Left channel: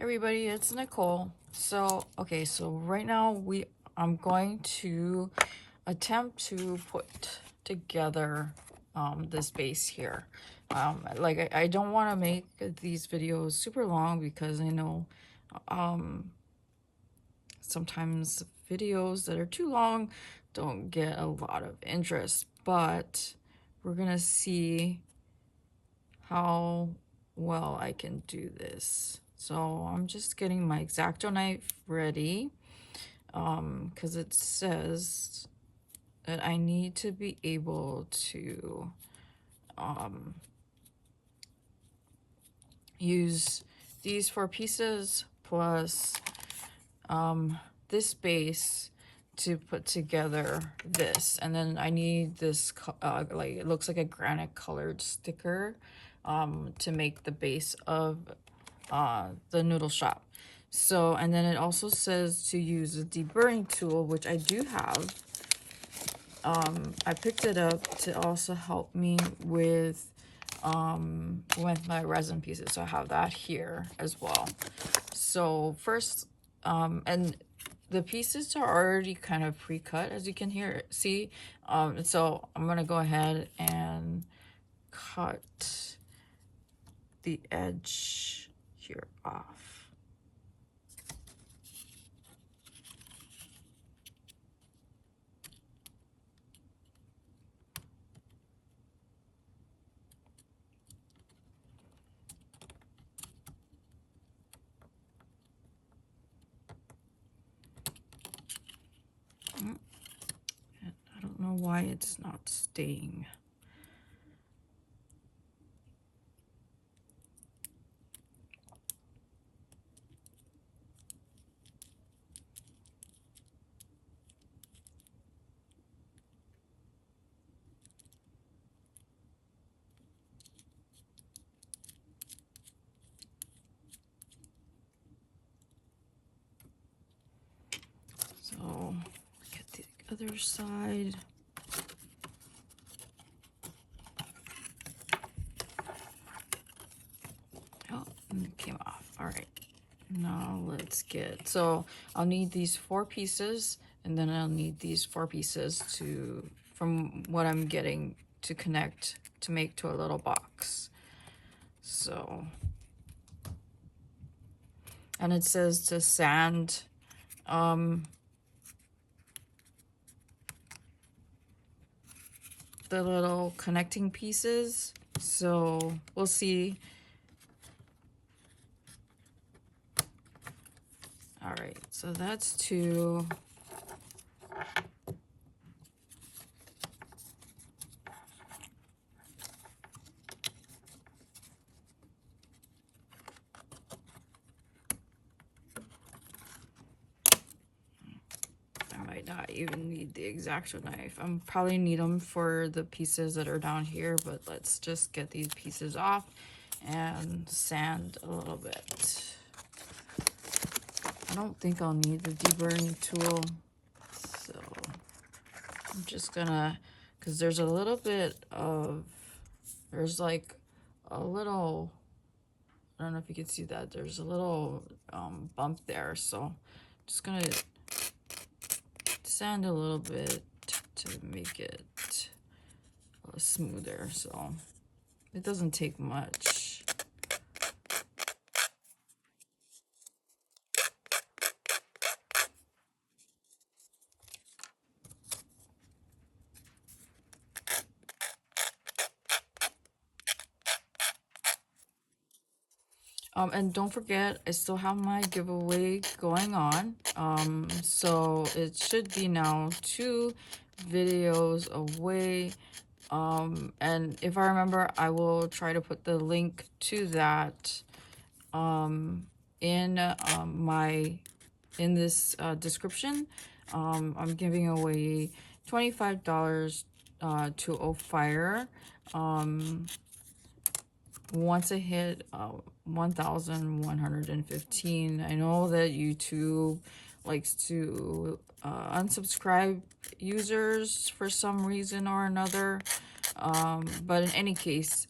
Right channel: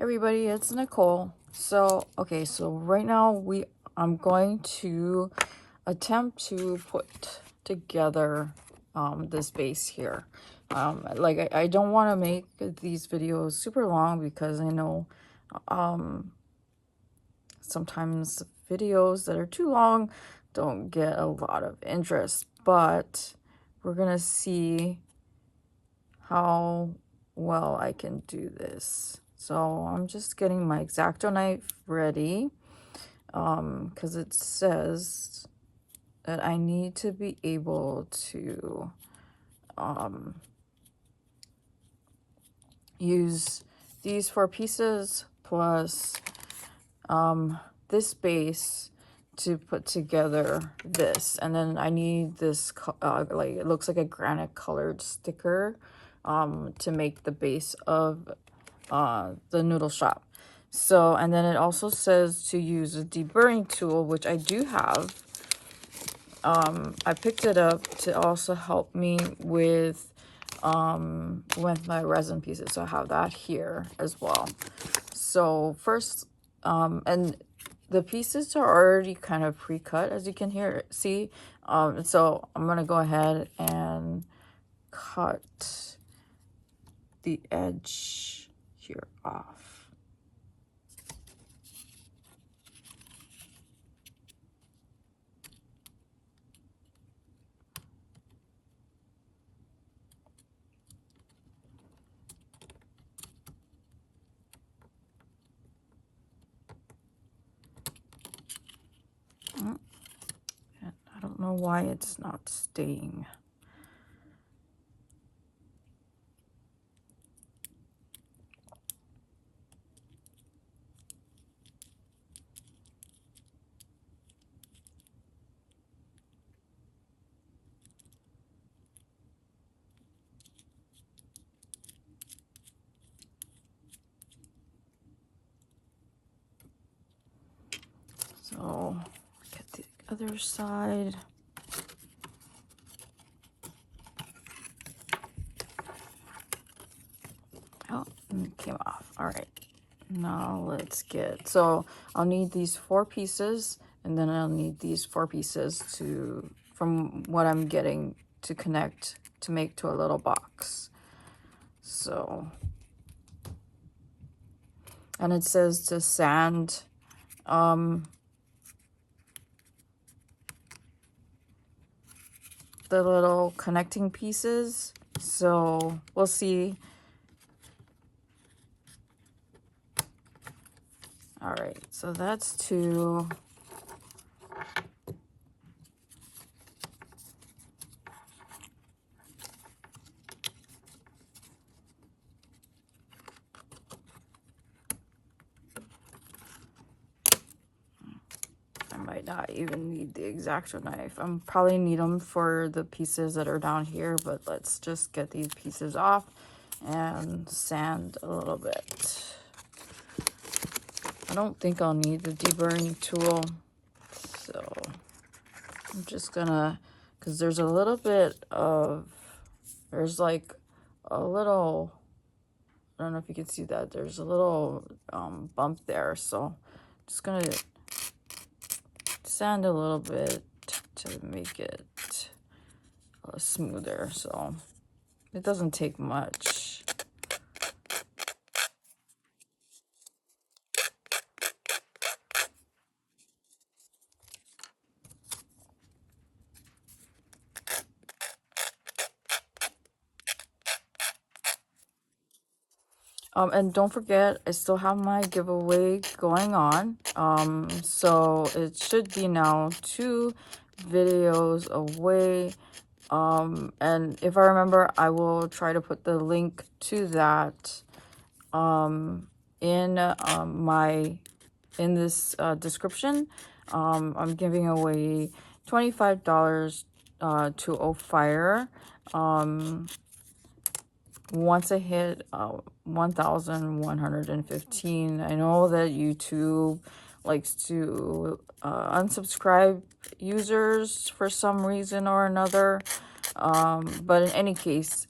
Everybody, it's Nicole. So right now I'm going to attempt to put together this base here. I don't want to make these videos super long because I know sometimes videos that are too long don't get a lot of interest, but we're gonna see how well I can do this. So I'm just getting my exacto knife ready because it says that I need to be able to use these 4 pieces plus this base to put together this, and then I need this like it looks like a granite colored sticker to make the base of the noodle shop. So, and then it also says to use a deburring tool, which I do have. I picked it up to also help me with my resin pieces, so I have that here as well. So first, and the pieces are already kind of pre-cut, as you can see. So I'm gonna go ahead and cut the edge here off. And I don't know why it's not staying. So get the other side. Oh, and it came off. All right. Now let's so I'll need these 4 pieces, and then I'll need these 4 pieces from what I'm getting to connect to make to a little box. So, and it says to sand the little connecting pieces. So we'll see. All right, so that's 2. I might not even need the exacto knife. I'm probably need them for the pieces that are down here, but let's just get these pieces off and sand a little bit. I don't think I'll need the deburring tool, so I'm just gonna, because there's a little bit of, there's like a little, I don't know if you can see that, there's a little bump there, so I'm just gonna sand a little bit to make it smoother. So it doesn't take much. And don't forget, I still have my giveaway going on. So it should be now 2 videos away. And if I remember, I will try to put the link to that in this description. I'm giving away $25 to O'Fire. Once I hit 1,115, I know that YouTube likes to unsubscribe users for some reason or another. But in any case,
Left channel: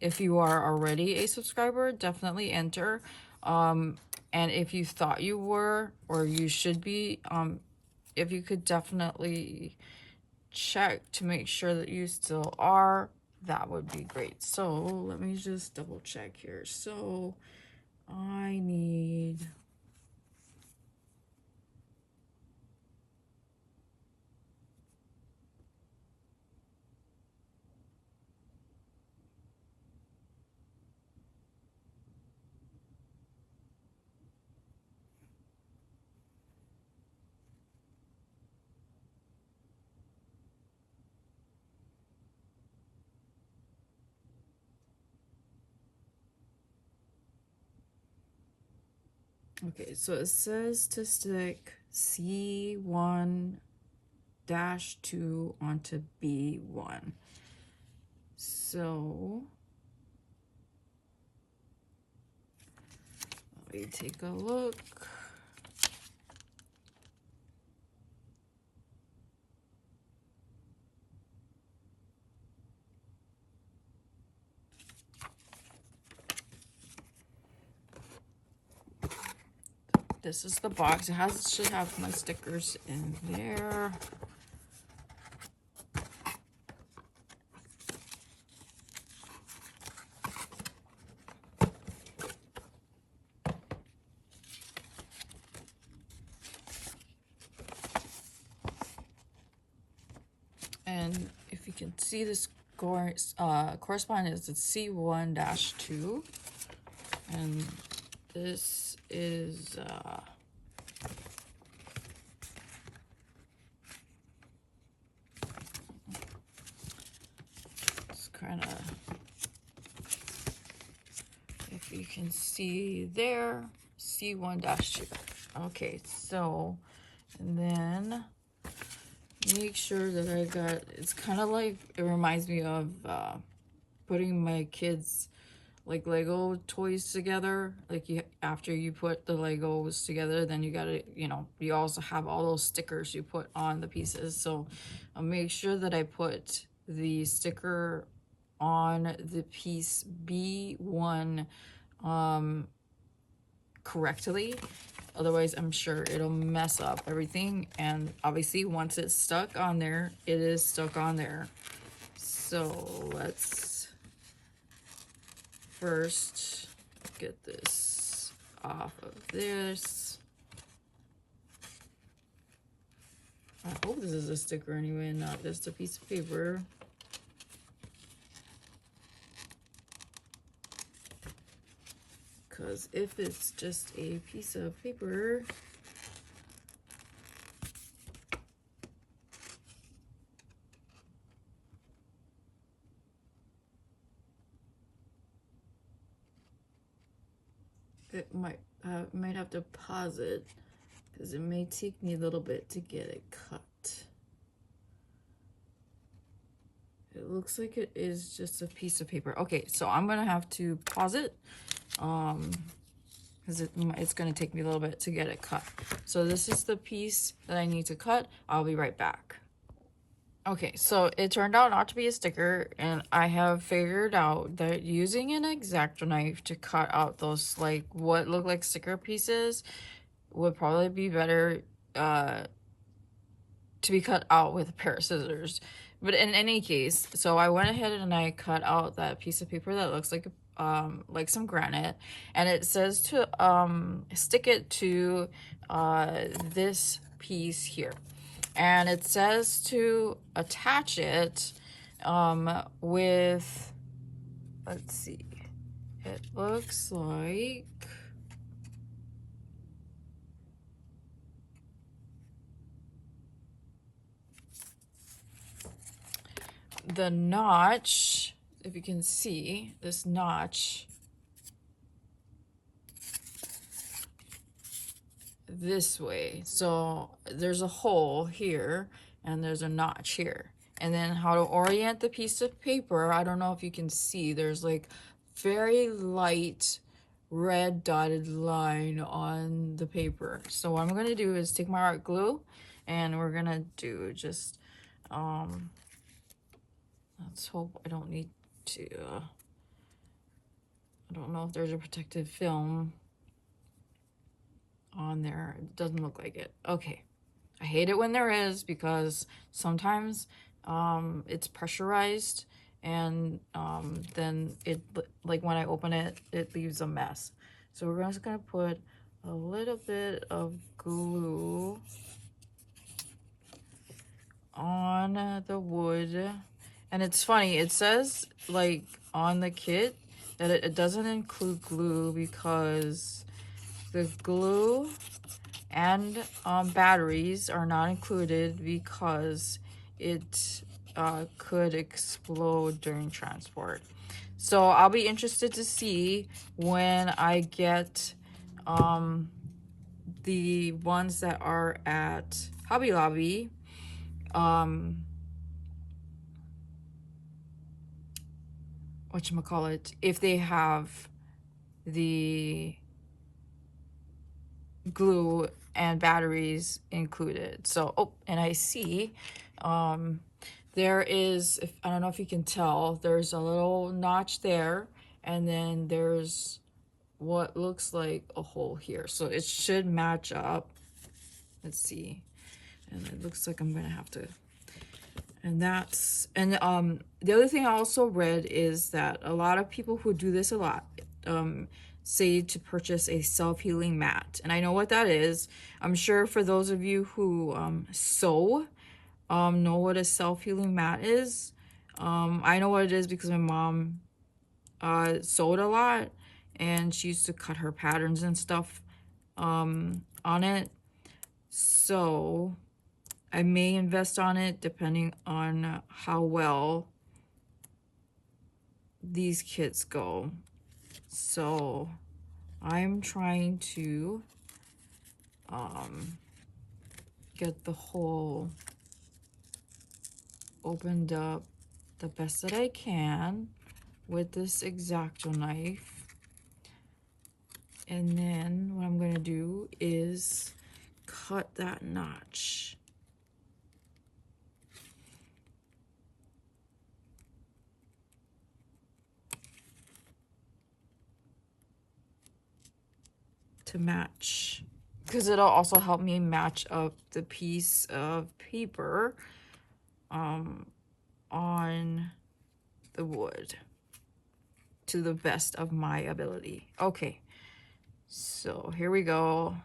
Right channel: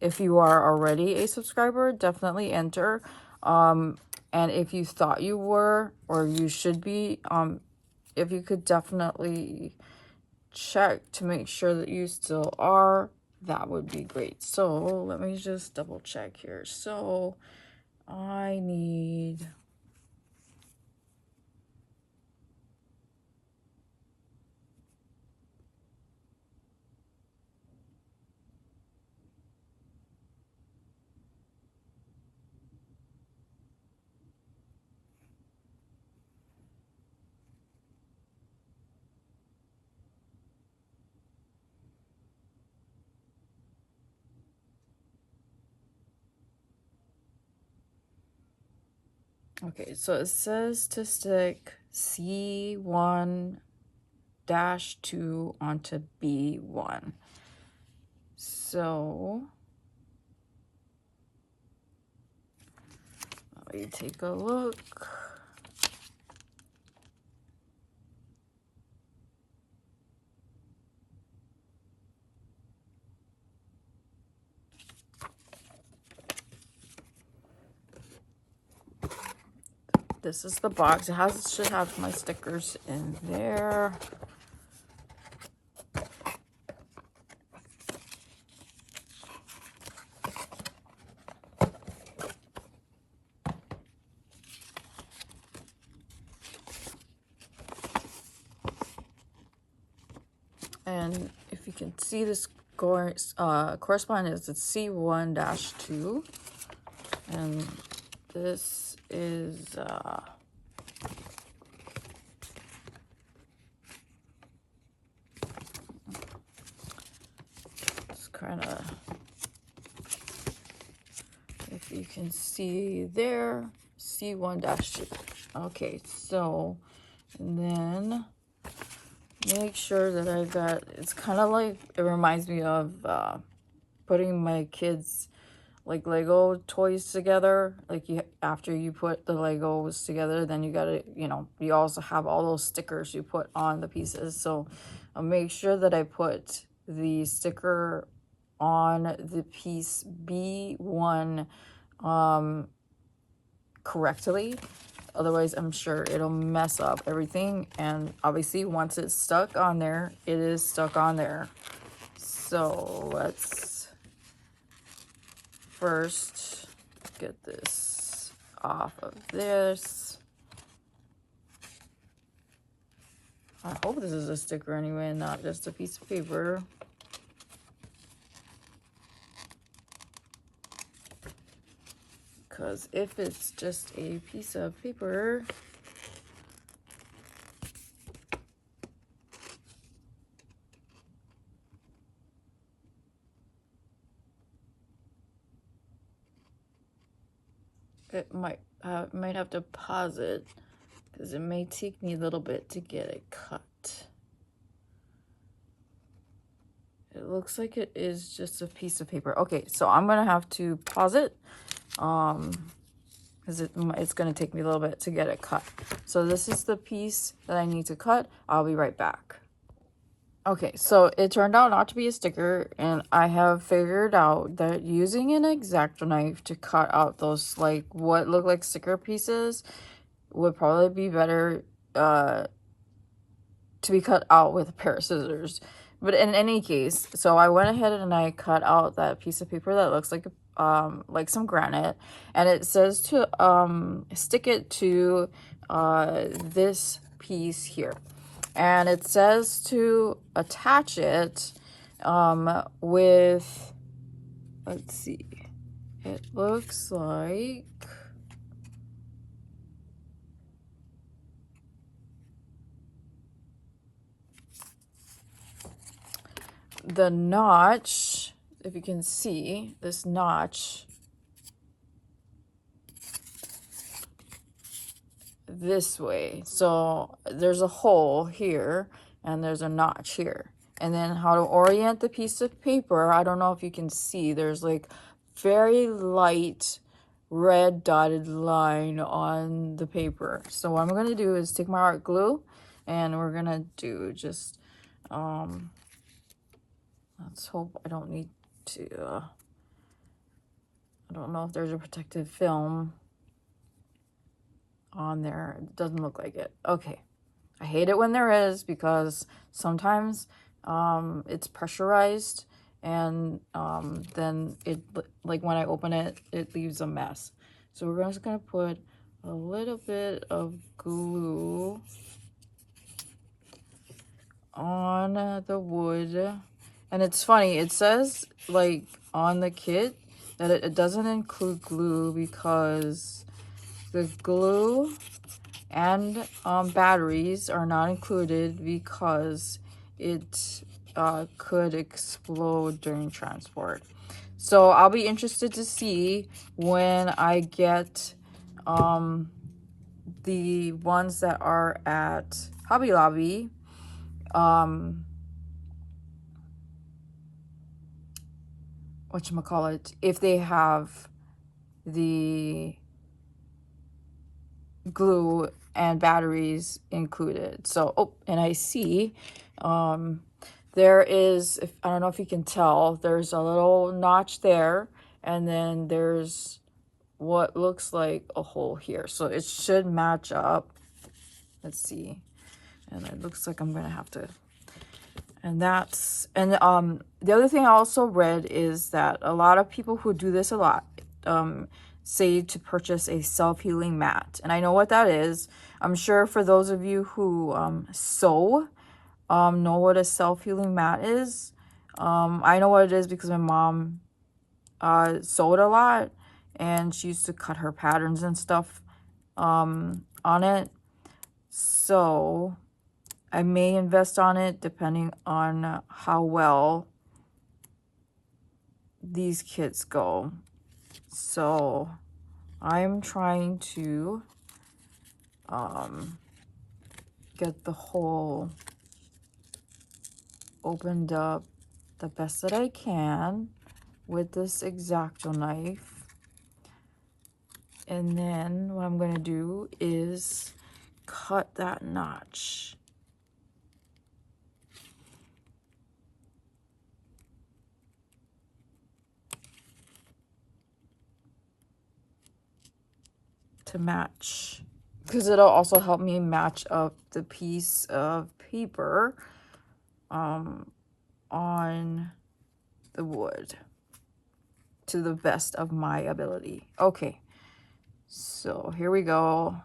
if you are already a subscriber, definitely enter. And if you thought you were, or you should be, if you could definitely check to make sure that you still are, that would be great. So let me just double check here. So I need okay, so it says to stick C1-2 onto B1. So let me take a look. This is the box. It should have my stickers in there. And if you can see, this correspondence is C1-2, and this is it's kind of, if you can see there, C1-2. Okay, so, and then make sure that I got, it's kind of like, it reminds me of putting my kids like Lego toys together. Like after you put the Legos together, then you gotta, you know, you also have all those stickers you put on the pieces. So I'll make sure that I put the sticker on the piece B1 correctly. Otherwise, I'm sure it'll mess up everything. And obviously, once it's stuck on there, it is stuck on there. So let's first get this off of this. I hope this is a sticker anyway, not just a piece of paper. Because if it's just a piece of paper, it might have to pause it because it may take me a little bit to get it cut. It looks like it is just a piece of paper. Okay, so I'm gonna have to pause it because it's gonna take me a little bit to get it cut. So this is the piece that I need to cut. I'll be right back. Okay, so it turned out not to be a sticker, and I have figured out that using an exacto knife to cut out those like what look like sticker pieces would probably be better to be cut out with a pair of scissors. But in any case, so I went ahead and I cut out that piece of paper that looks like some granite, and it says to stick it to this piece here, and it says to attach it with, let's see, it looks like the notch, if you can see this notch this way. So there's a hole here and there's a notch here. And then how to orient the piece of paper, I don't know if you can see, there's like very light red dotted line on the paper. So what I'm going to do is take my art glue and we're going to do just let's hope I don't need to I don't know if there's a protective film. on there. It doesn't look like it. Okay. I hate it when there is, because sometimes it's pressurized, and then it, like when I open it, it leaves a mess. So we're just gonna put a little bit of glue on the wood. And it's funny, it says like on the kit that it doesn't include glue, because the glue and batteries are not included because it could explode during transport. So I'll be interested to see when I get the ones that are at Hobby Lobby, whatchamacallit, if they have the glue and batteries included. So, oh, and I see there is, I don't know if you can tell, there's a little notch there, and then there's what looks like a hole here. So it should match up. Let's see. And it looks like I'm gonna have to, and that's, and the other thing I also read is that a lot of people who do this a lot say to purchase a self-healing mat. And I know what that is. I'm sure for those of you who sew, know what a self-healing mat is. I know what it is because my mom sewed a lot, and she used to cut her patterns and stuff on it. So I may invest on it depending on how well these kits go. So I'm trying to get the hole opened up the best that I can with this exacto knife. And then what I'm going to do is cut that notch. To match, because it'll also help me match up the piece of paper on the wood to the best of my ability. Okay, so here we go.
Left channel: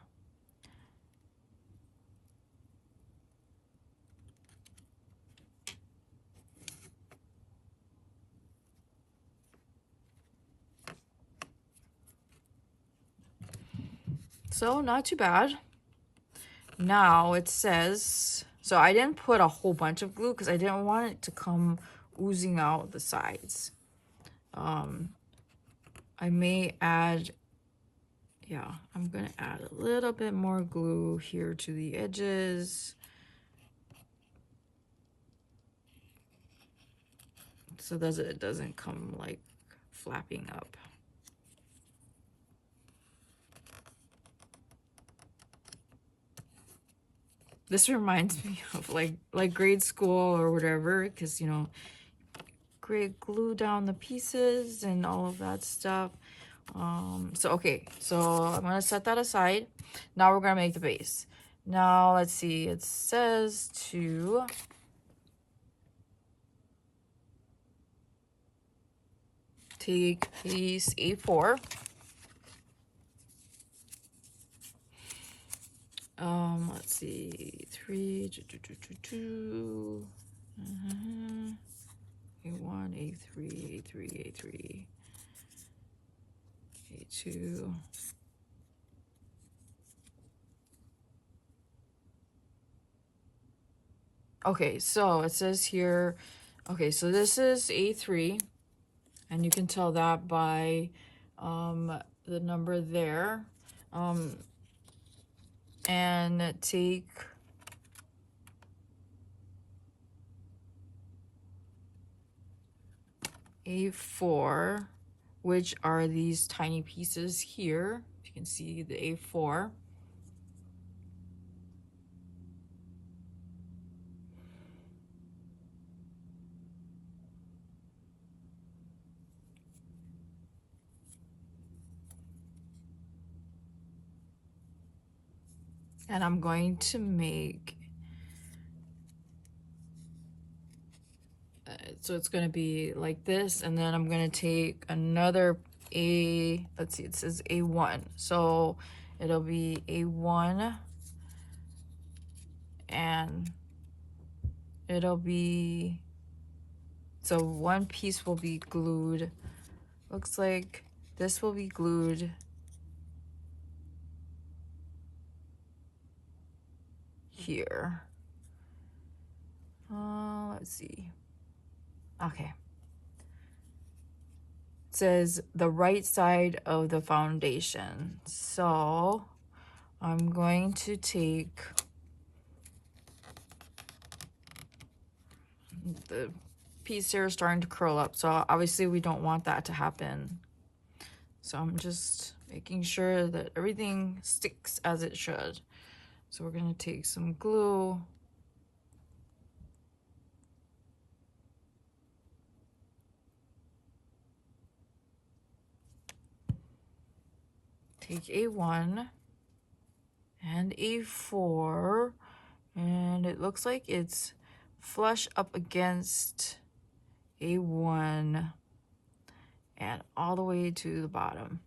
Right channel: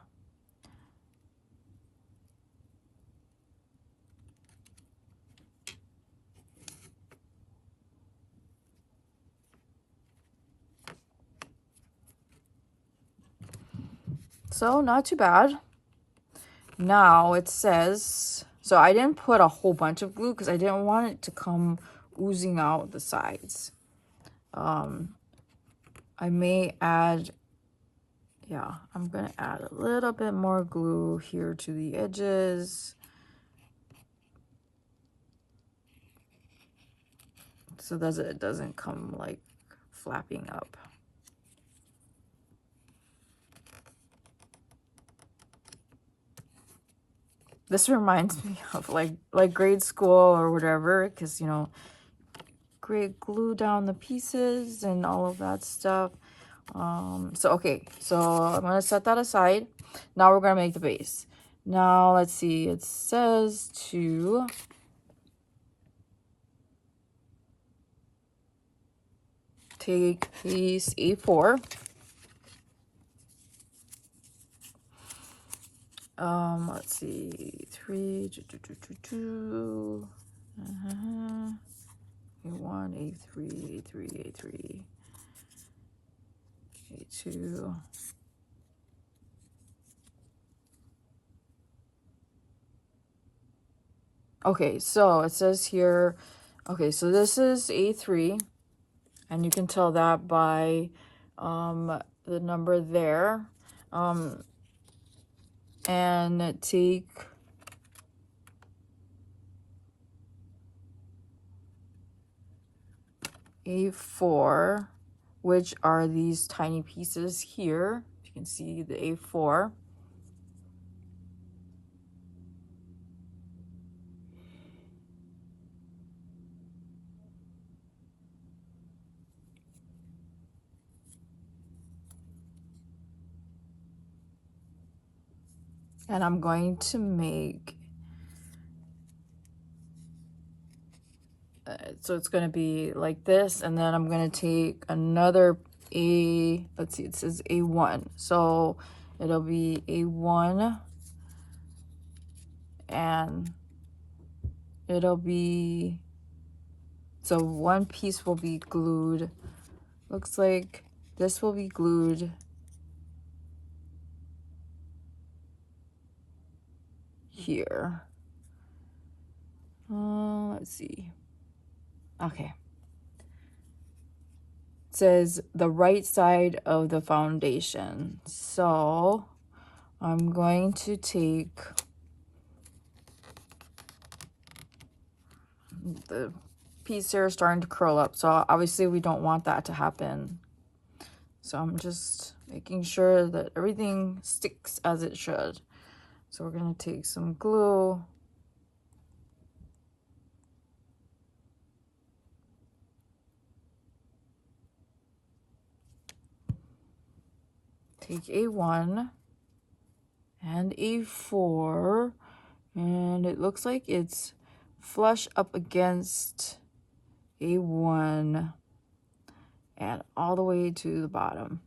So not too bad. Now it says, so I didn't put a whole bunch of glue because I didn't want it to come oozing out the sides. I may add, yeah, I'm gonna add a little bit more glue here to the edges, so that it doesn't come like flapping up. This reminds me of like grade school or whatever, because, you know, glue down the pieces and all of that stuff. So okay, so I'm gonna set that aside. Now we're gonna make the base. Now let's see, it says to take piece A4, let's see, 3, 2, A1, A3, A3, A3, A2. Okay, so it says here, okay, so this is A3, and you can tell that by the number there. And take A4, which are these tiny pieces here. You can see the A4. And I'm going to make, so it's going to be like this, and then I'm going to take another let's see, it says A1. So it'll be A1, and it'll be, so one piece will be glued. Looks like this will be glued here. Let's see. Okay. It says the right side of the foundation. So I'm going to take the piece here starting to curl up. So obviously we don't want that to happen. So I'm just making sure that everything sticks as it should. So we're going to take some glue. Take A1 and A4, and it looks like it's flush up against A1 and all the way to the bottom.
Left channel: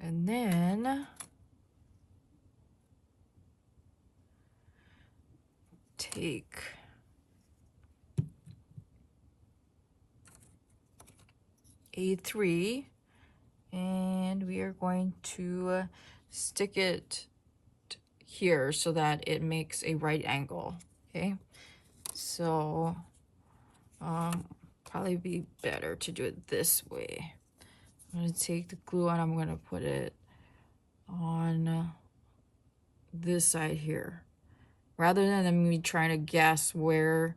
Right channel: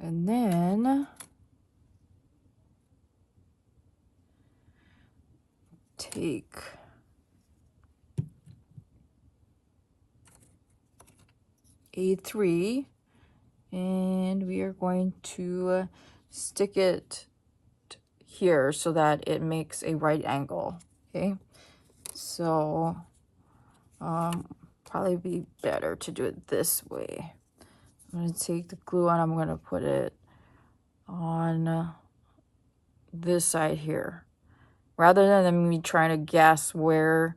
And then take A3, and we are going to stick it here so that it makes a right angle. Okay, so probably be better to do it this way. I'm going to take the glue and I'm going to put it on this side here, rather than me trying to guess where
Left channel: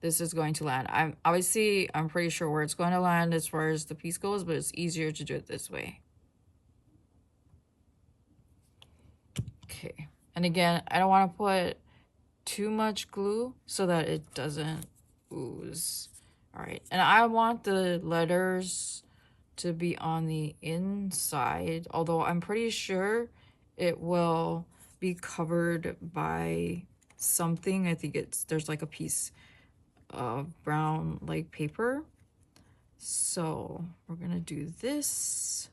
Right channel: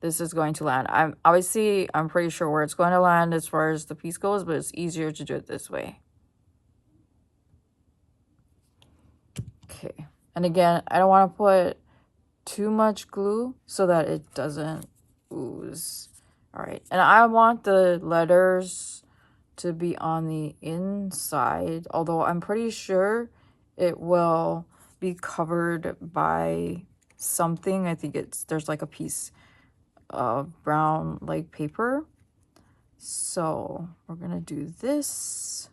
this is going to land. I'm pretty sure where it's going to land as far as the piece goes, but it's easier to do it this way. Okay, and again, I don't want to put too much glue so that it doesn't ooze. All right, and I want the letters to be on the inside, although I'm pretty sure it will be covered by something. I think there's like a piece of brown like paper. So we're gonna do this.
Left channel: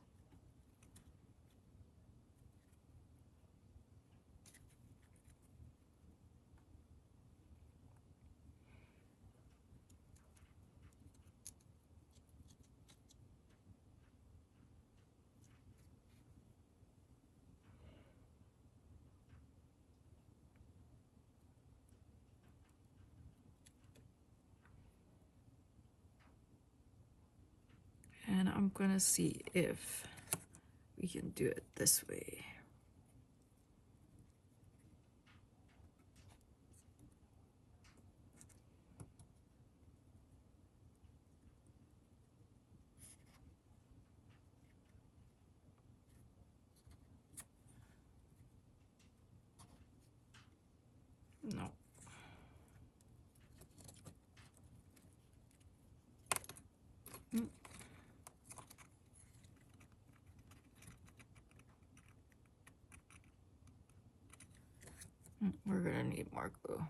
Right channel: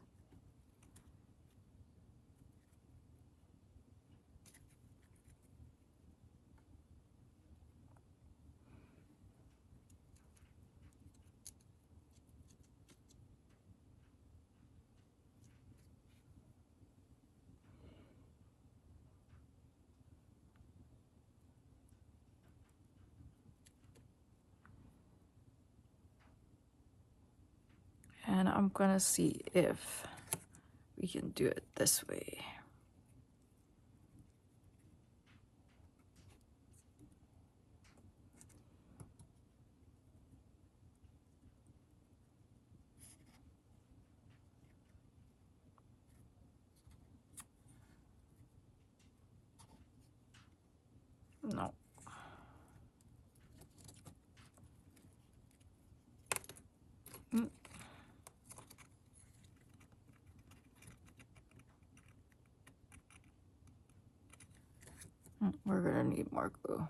And I'm gonna see if we can do it this way. No. We're gonna need more glue.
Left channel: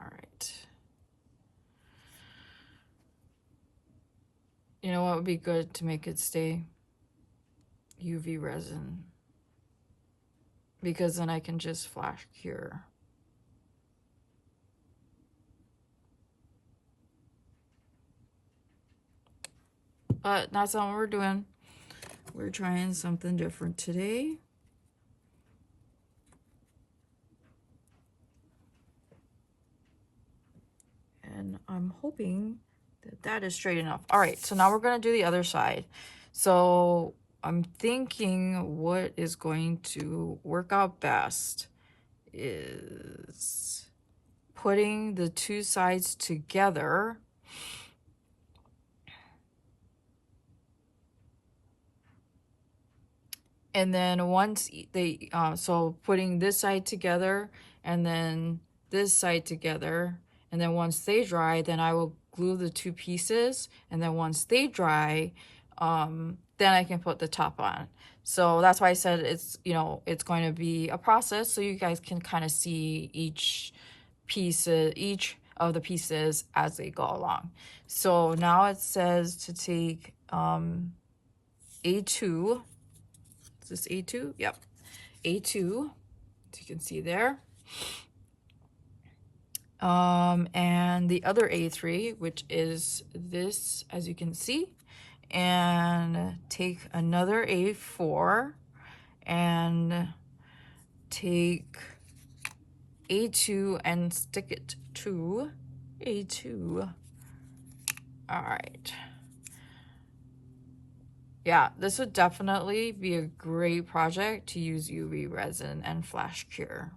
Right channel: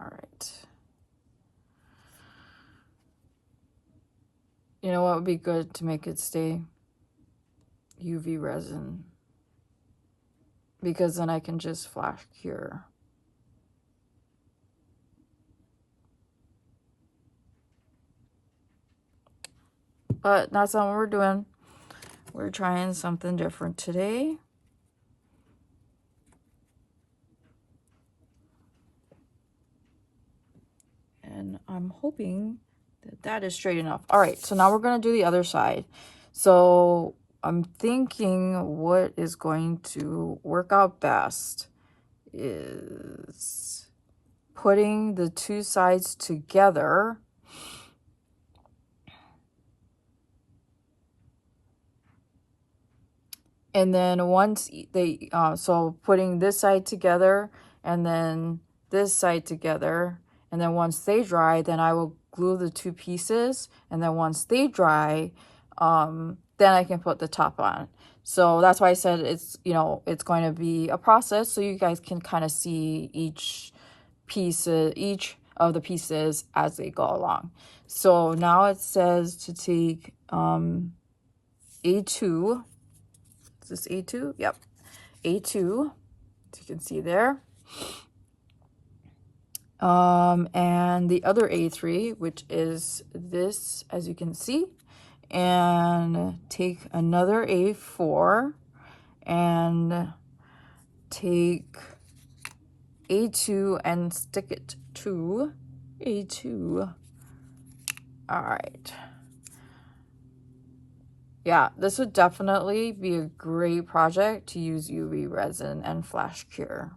All right. You know what would be good to make it stay? UV resin. Because then I can just flash cure. But that's not what we're doing. We're trying something different today. And I'm hoping that that is straight enough. All right, so now we're gonna do the other side. So I'm thinking what is going to work out best is putting the two sides together. And then once they, so putting this side together and then this side together, and then once they dry, then I will glue the two pieces, and then once they dry, then I can put the top on. So that's why I said it's, you know, it's going to be a process, so you guys can kind of see each of the pieces as they go along. So now it says to take A2. Is this A2? Yep. A2, as you can see there. And the other A3, which is this, as you can see, and take another A4 and take A2 and stick it to A2. All right. Yeah, this would definitely be a great project to use UV resin and flash cure.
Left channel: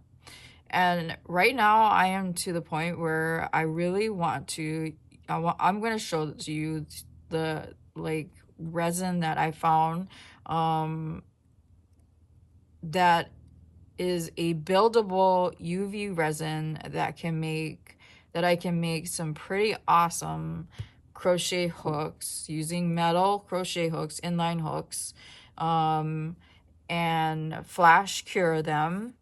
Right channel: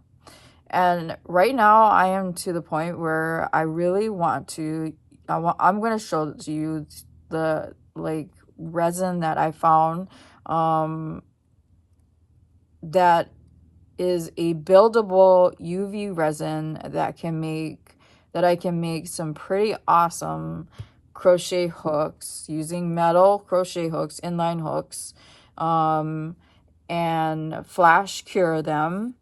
And right now I am to the point where I really want to, I'm going to show you the like resin that I found that is a buildable UV resin that I can make some pretty awesome crochet hooks using metal crochet hooks, inline hooks, and flash cure them.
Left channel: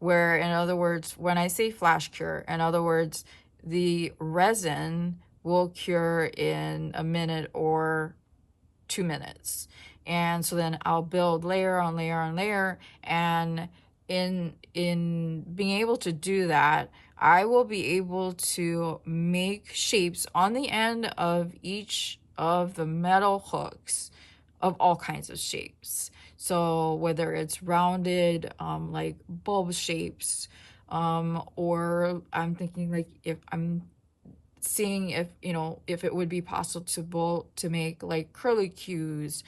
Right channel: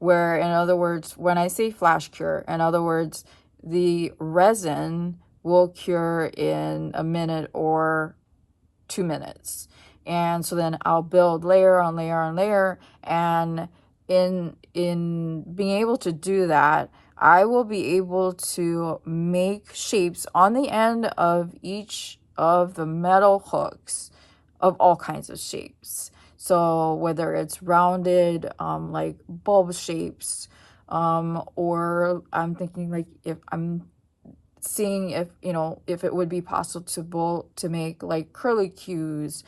Where, in other words, when I say flash cure, in other words, the resin will cure in a minute or 2 minutes. And so then I'll build layer on layer on layer, and in being able to do that, I will be able to make shapes on the end of each of the metal hooks of all kinds of shapes. So whether it's rounded, like bulb shapes, or I'm thinking like if I'm seeing if, you know, if it would be possible to make like curlicues,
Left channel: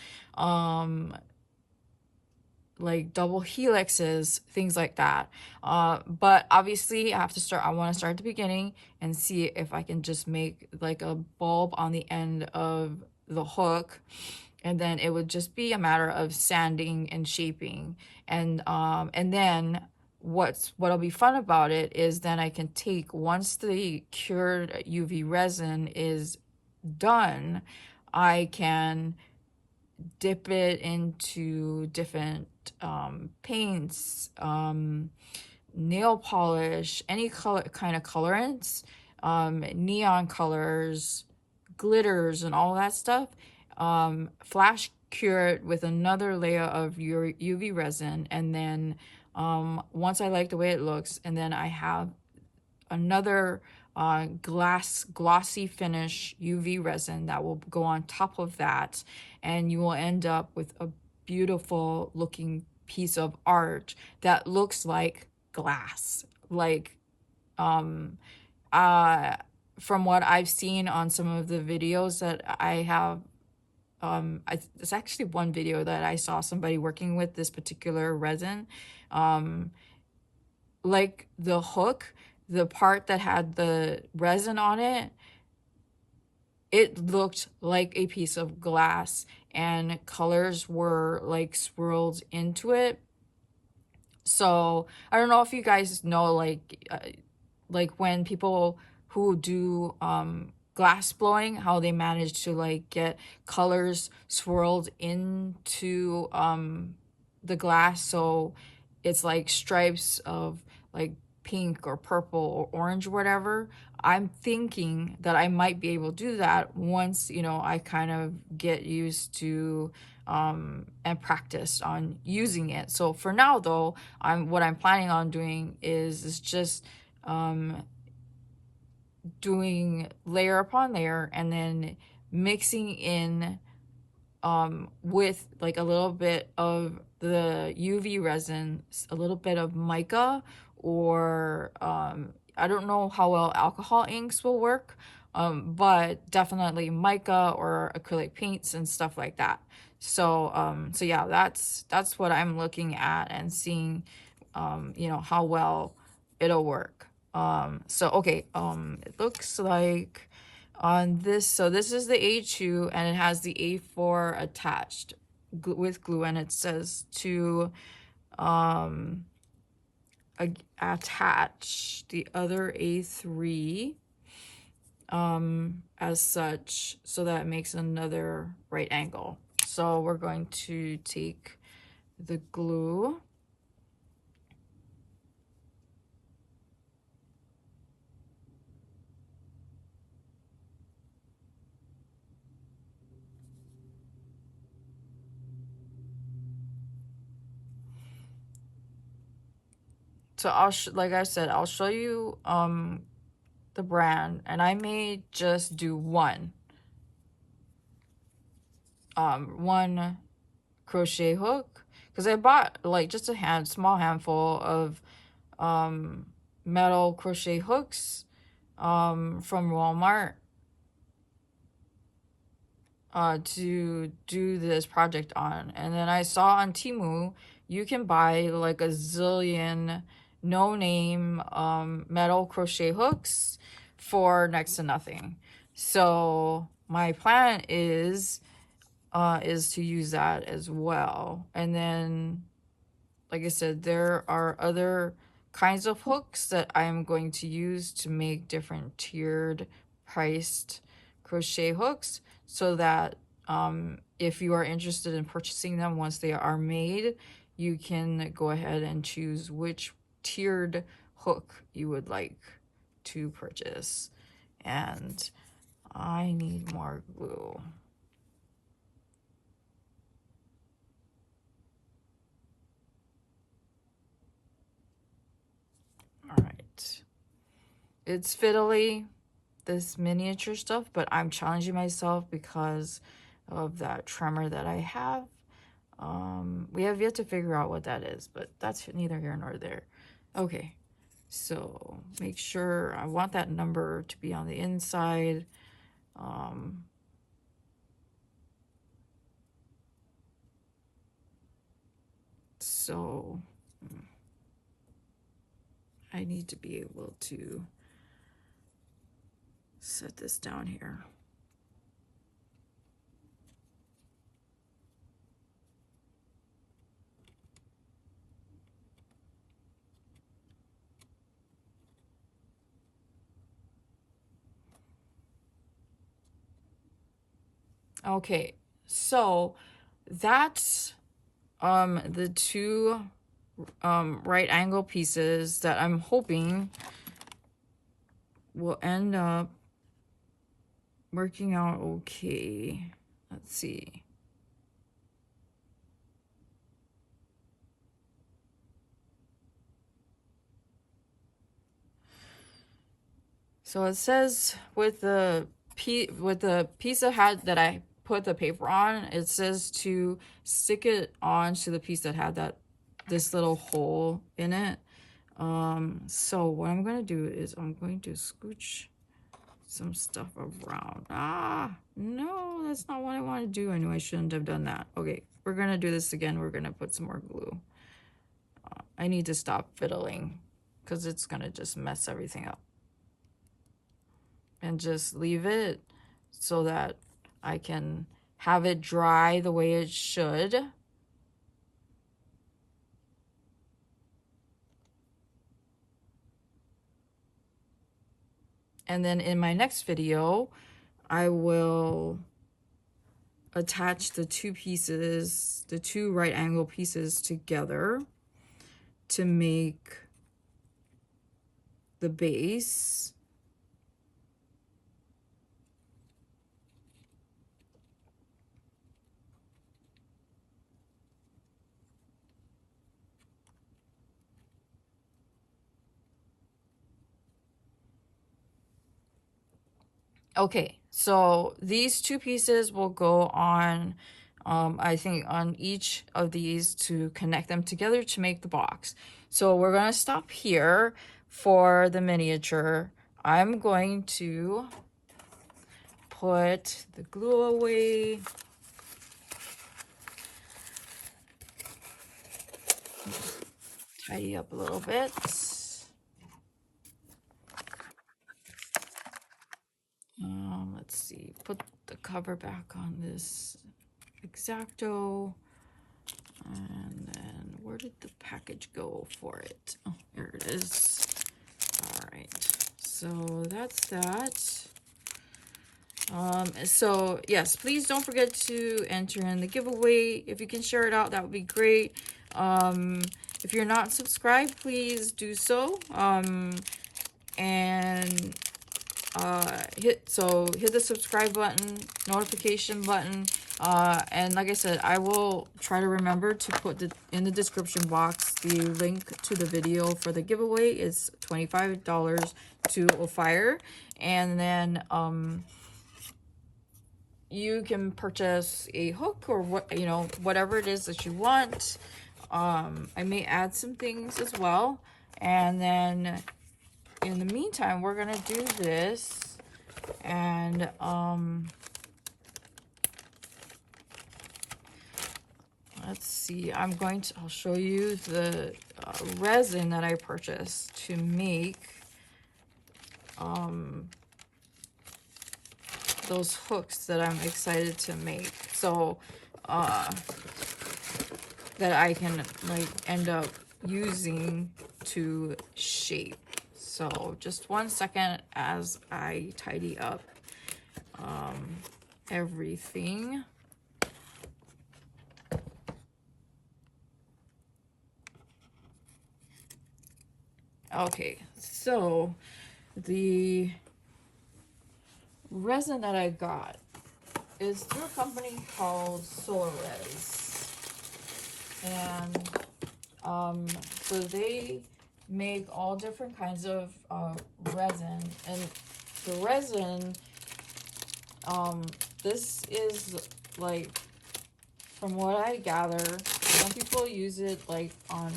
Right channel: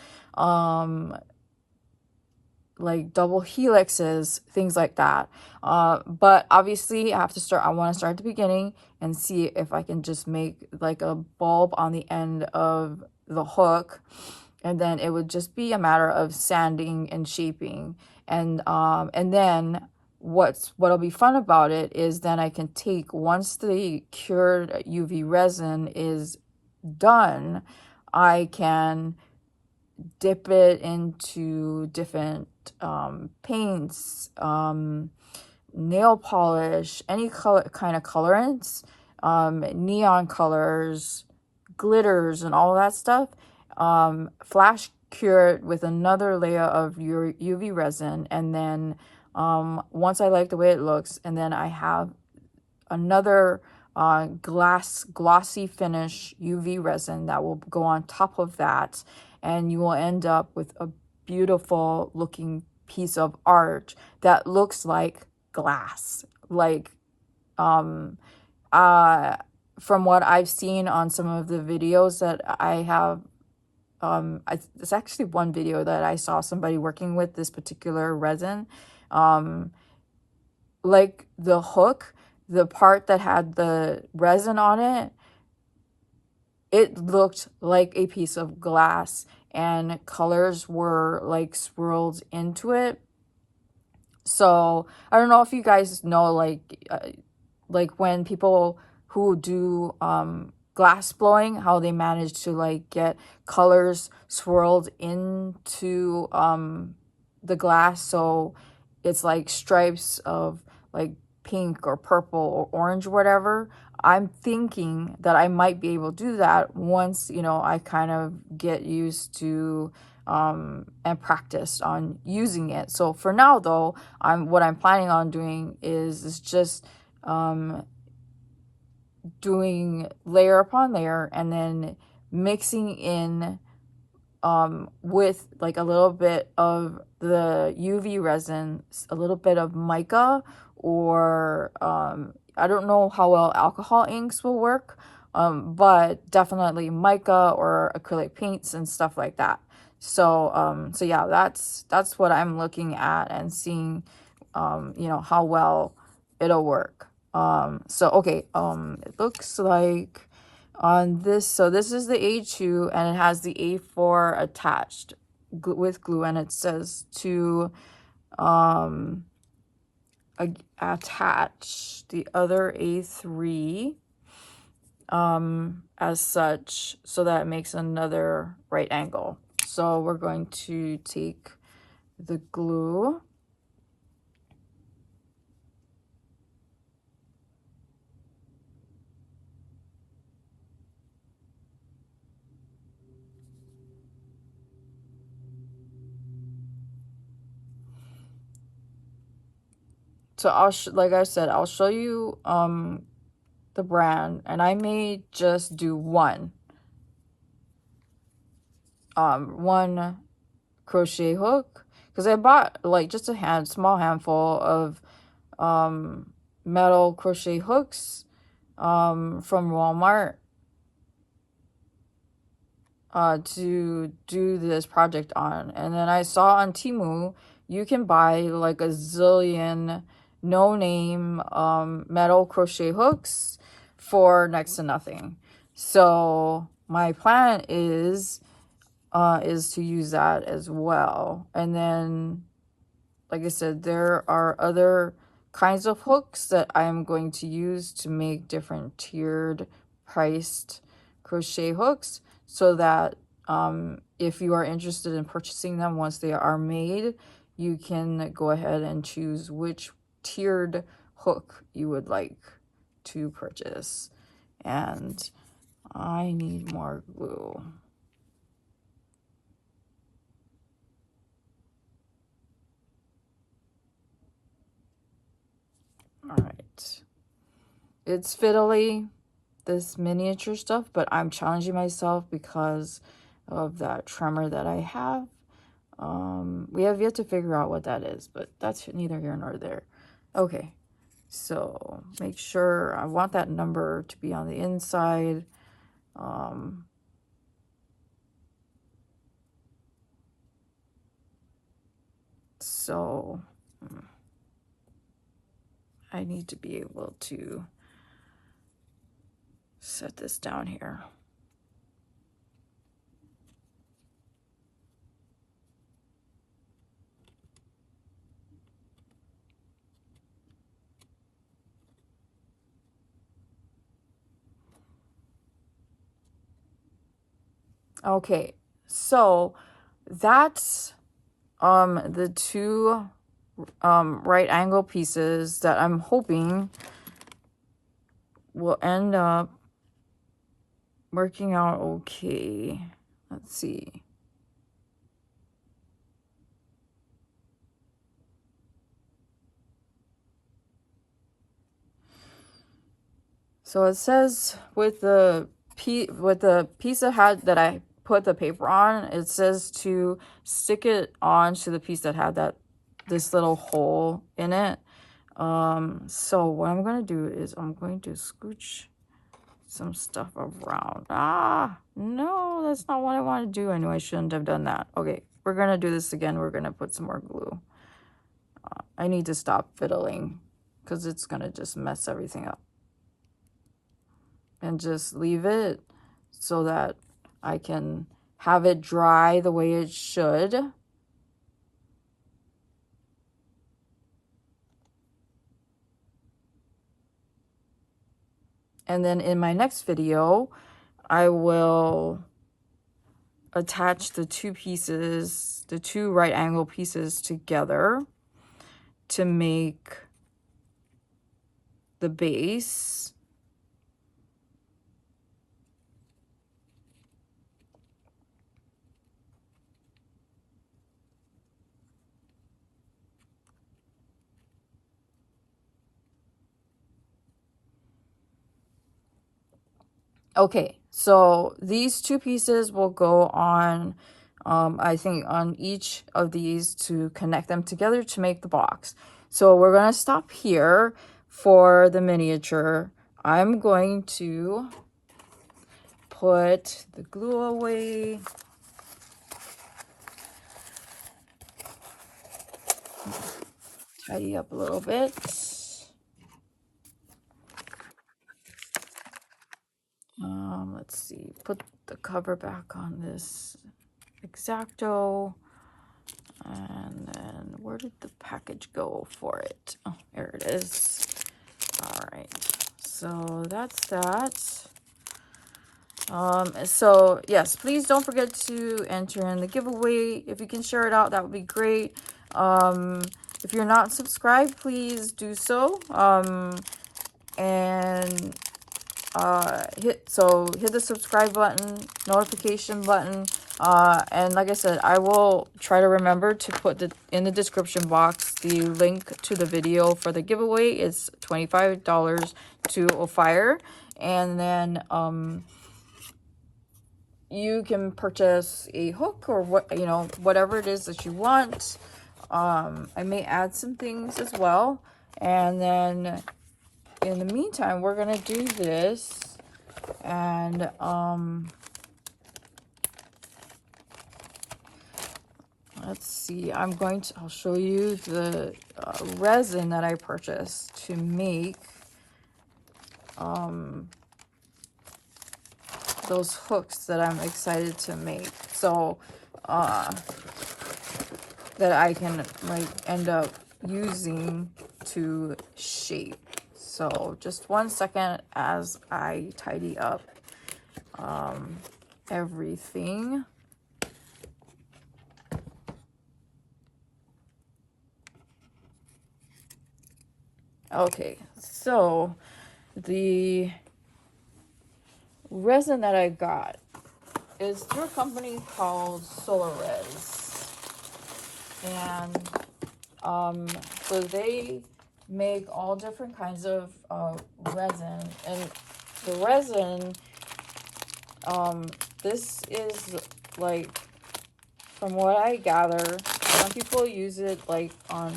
like double helixes, things like that. But obviously I want to start at the beginning and see if I can just make like a bulb on the end of the hook. And then it would just be a matter of sanding and shaping. And then what'll be fun about it is then I can take, once the cured UV resin is done, I can dip it into different paints, nail polish, any kind of colorants, neon colors, glitters, and all that stuff. Flash cure it with another layer of UV resin, and then once I like the way it looks, and then I have another glossy finish UV resin that will go on top of that, and you will end up with a beautiful looking piece of art that looks like glass. Like from what I've seen on some of the videos that I have, it's actually one video that I saw somebody working with this particular resin. Like the hook, the part that had the resin on it, it looked like a piece of glass, and colors were like swirled into it. So I don't know if you guys know, like when people who do glass blowing, how they manage to like get colors swirled into the glass, so it's like stripes of like pink or purple or orange or whatever. I'm thinking that I might be able to do that once, you know, I kind of get used to and practice on using it. So for now though, what I'm planning on doing is just doing layer upon layer, and then mixing in with like a little bit of the UV resin, a little bit of mica, or I don't know how well alcohol inks will work, but definitely mica or acrylic paints and stuff like that. So so yeah, that's what I'm looking at and seeing, you know, how well it'll work. So okay, it looks like on this, so this is the A2 and it has the A4 attached with glue, and it says to attach the other A3 as such, so that it makes another right angle. So we're going to take the glue, so like I said, I'll show you the brand, and I may just do one crochet hook, because I bought like just a small handful of metal crochet hooks from Walmart to do this project on. And then I saw on Temu you can buy like a zillion no-name metal crochet hooks for next to nothing. So my plan is to use that as well. And then, like I said, there are other kinds of hooks that I'm going to use to make different tiered priced crochet hooks, so that if you are interested in purchasing them once they are made, you can go ahead and choose which tiered hook you would like to purchase. And I need more glue. All right, it's fiddly, this miniature stuff, but I'm challenging myself because of that tremor that I have. We have yet to figure out what that is, but that's neither here nor there. Okay, so make sure, I want that number to be on the inside. So I need to be able to set this down here. Okay, so that's the two right angle pieces that I'm hoping will end up working out okay. Let's see. So it says with the piece of had that I put the paper on, it says to stick it on to the piece that had this little hole in it. So what I'm gonna do is I'm going to scooch some stuff around. No, that's not what I want to do. I knew I shouldn't have done that. Okay, we're gonna do this again. We're gonna put some more glue. I need to stop fiddling because it's gonna just mess everything up. And just leave it so that I can have it dry the way it should. And then in my next video, I will attach the two pieces, the two right angle pieces together to make the base. Okay, so these two pieces will go on, I think on each of these to connect them together to make the box. So we're gonna stop here for the miniature. I'm going to put the glue away. Tidy up a little bit. Let's see, put the cover back on this exacto. And then where did the package go for it? Oh, there it it is. All right, so that's that. So yes, please don't forget to enter in the giveaway. If you can share it out, that would be great. If you're not subscribed, please do so. And hit the subscribe button, notification button, and like I said, I will try to remember to put in the description box the link to the video for the giveaway. It's $25 to a fire, and then you can purchase a hook or whatever it is that you want. I may add some things as well, and then in the meantime, we're gonna do this, and let's see. I'll show you the resin that I purchased to make those hooks that I'm excited to make. So that I can end up using to shape. So just 1 second as I tidy up everything. Okay, so the resin that I got is through a company called SolarRes. And so they make all different kinds of resin, and the resin, this is like, from what I gather, some people use it like on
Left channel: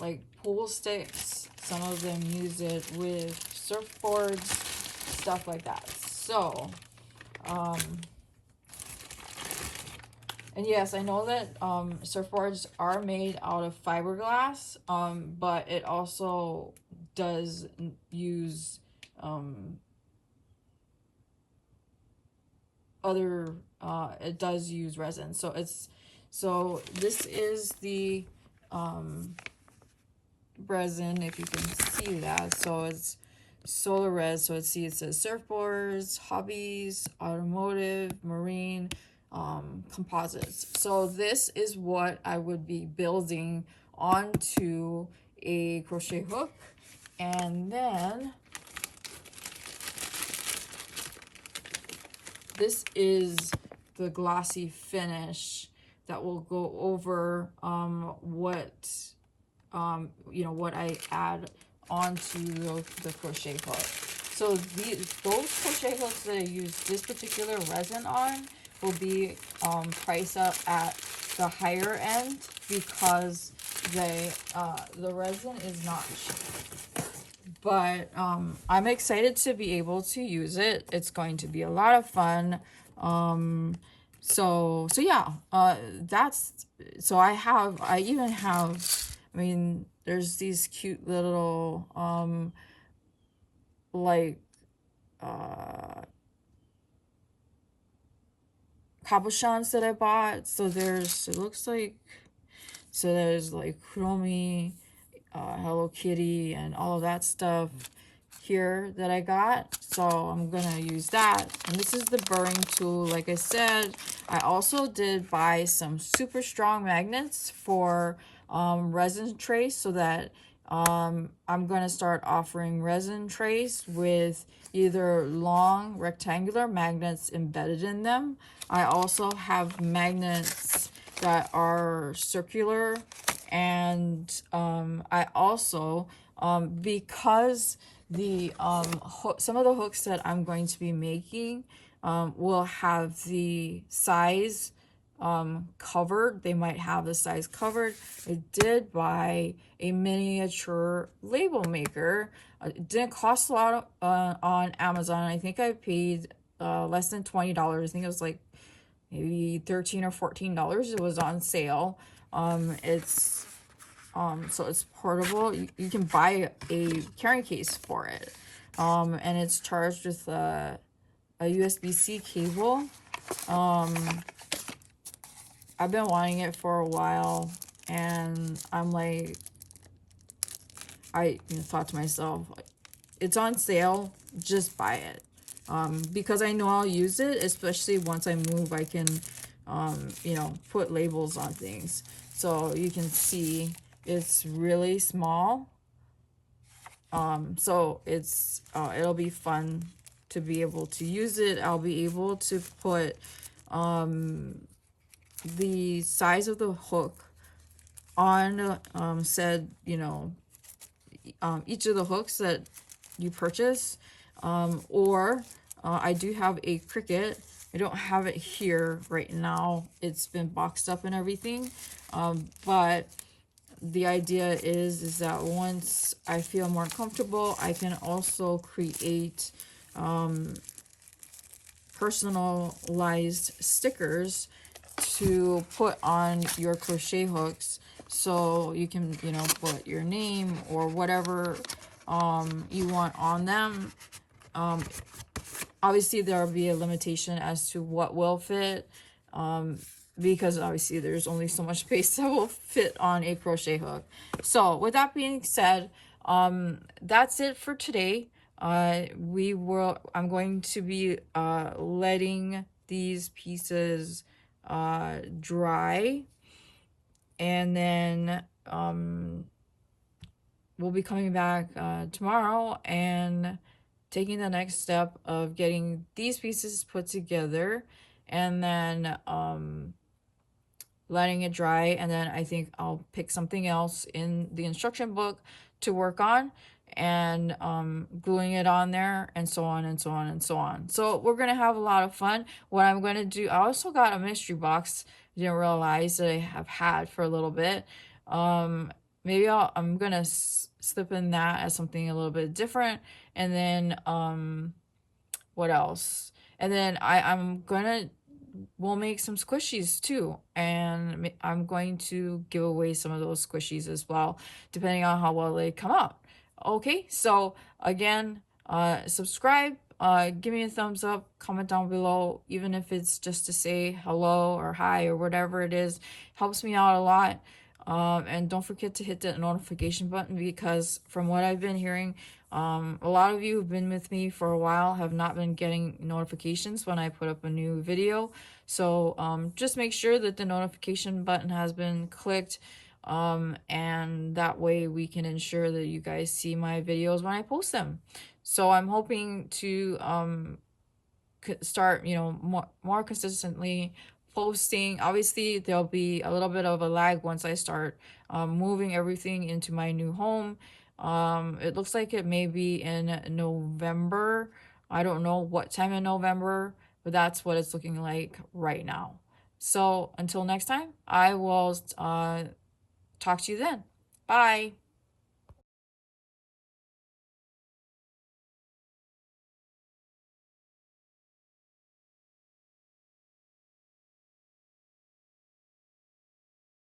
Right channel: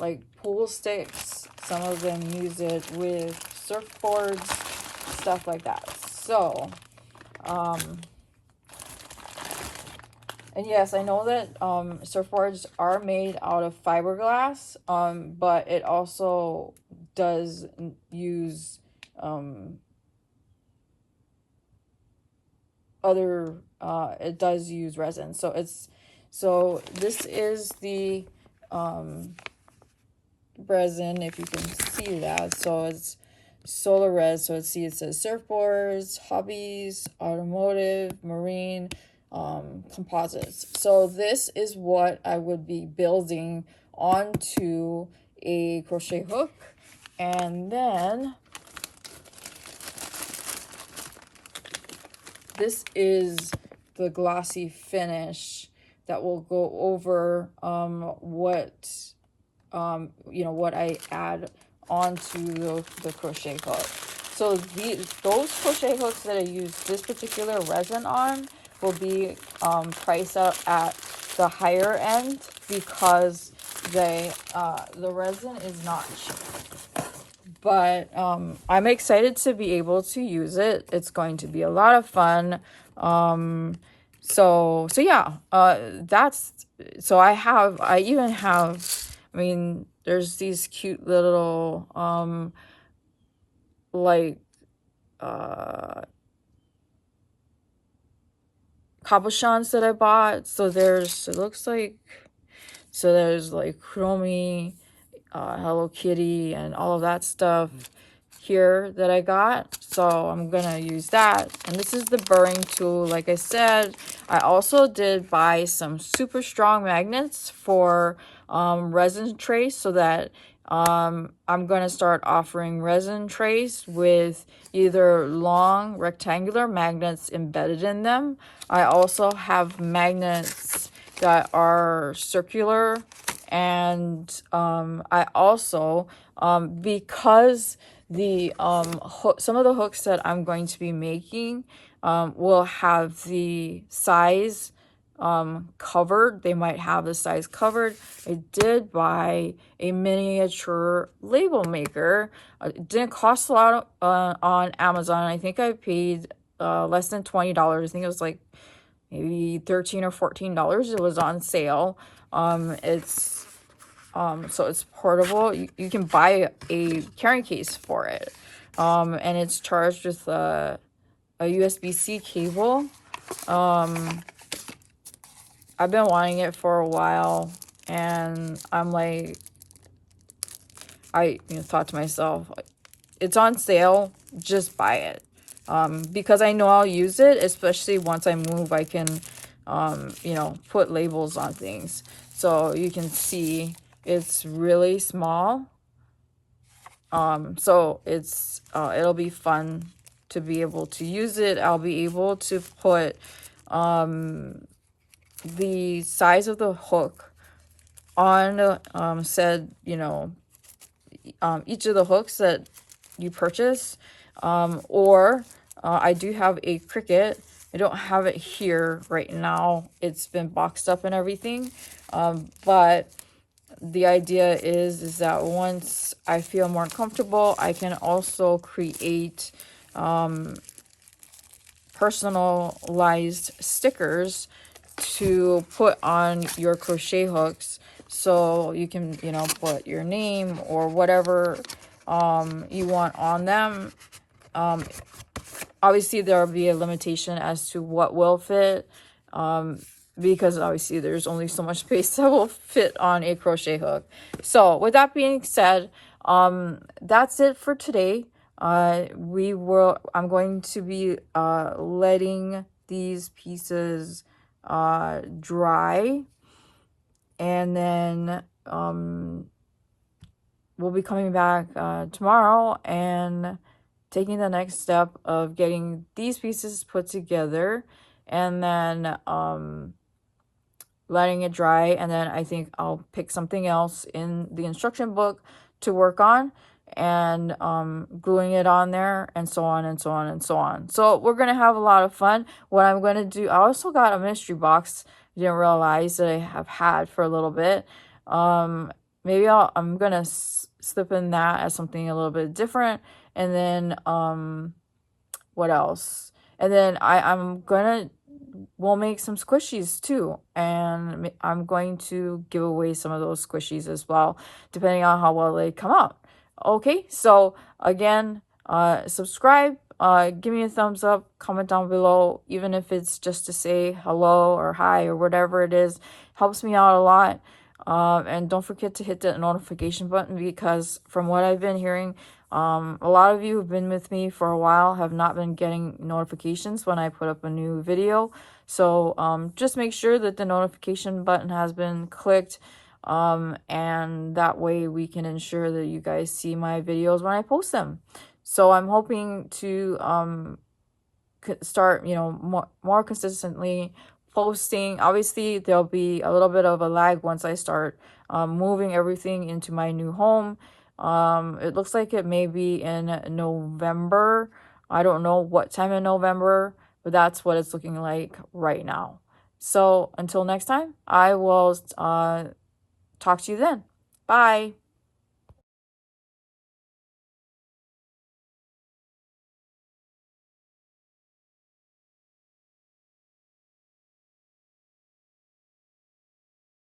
like pool sticks, some of them use it with surfboards, stuff like that. So and yes, I know that surfboards are made out of fiberglass, but it also does use it does use resin. So this is the resin, if you can see that. So it's SolarRes. So it says surfboards, hobbies, automotive, marine, composites. So this is what I would be building onto a crochet hook, and then this is the glossy finish that will go over what I add onto the crochet hook. So those crochet hooks that I use this particular resin on will be priced up at the higher end, because the resin is not cheap. But I'm excited to be able to use it. It's going to be a lot of fun. So yeah, I mean, there's these cute little cabochons that I bought. So there's like Chromie, Hello Kitty, and all of that stuff here that I got. So I'm gonna use that. And this is the burring tool. Like I said, I also did buy some super strong magnets for resin trays, so that I'm gonna start offering resin trays with either long rectangular magnets embedded in them. I also have magnets that are circular, and I also because the some of the hooks that I'm going to be making will have the size covered. They might have the size covered. I did buy a miniature label maker. It didn't cost a lot on Amazon. I think I paid less than $20. I think it was like maybe $13 or $14. It was on sale. So it's portable. You can buy a carrying case for it, and it's charged with a USB-C cable. I've been wanting it for a while, and I'm like, I thought to myself, it's on sale, just buy it. Because I know I'll use it, especially once I move, I can, put labels on things. So you can see it's really small. So it'll be fun to be able to use it. I'll be able to put the size of the hook on said, each of the hooks that you purchase. Or I do have a Cricut. I don't have it here right now. It's been boxed up and everything. But the idea is that once I feel more comfortable, I can also create personalized stickers to put on your crochet hooks. So you can, put your name or whatever you want on them. Obviously, there will be a limitation as to what will fit, because obviously there's only so much space that will fit on a crochet hook. So with that being said, that's it for today. I'm going to be letting these pieces dry, and then we'll be coming back tomorrow and taking the next step of getting these pieces put together, and then letting it dry. And then I think I'll pick something else in the instruction book to work on, and gluing it on there, and so on and so on and so on. So we're gonna have a lot of fun. What I'm gonna do, I also got a mystery box I didn't realize that I have had for a little bit. Maybe I'm gonna slip in that as something a little bit different. And then what else? And then we'll make some squishies too, and I'm going to give away some of those squishies as well, depending on how well they come out. Okay, so again, subscribe, give me a thumbs up, comment down below, even if it's just to say hello or hi or whatever it is. Helps me out a lot. And don't forget to hit that notification button, because from what I've been hearing, a lot of you who've been with me for a while have not been getting notifications when I put up a new video. So just make sure that the notification button has been clicked, and that way we can ensure that you guys see my videos when I post them. So I'm hoping to start, more consistently posting. Obviously, there'll be a little bit of a lag once I start moving everything into my new home. It looks like it may be in November. I don't know what time in November, but that's what it's looking like right now. So until next time, I will talk to you then. Bye.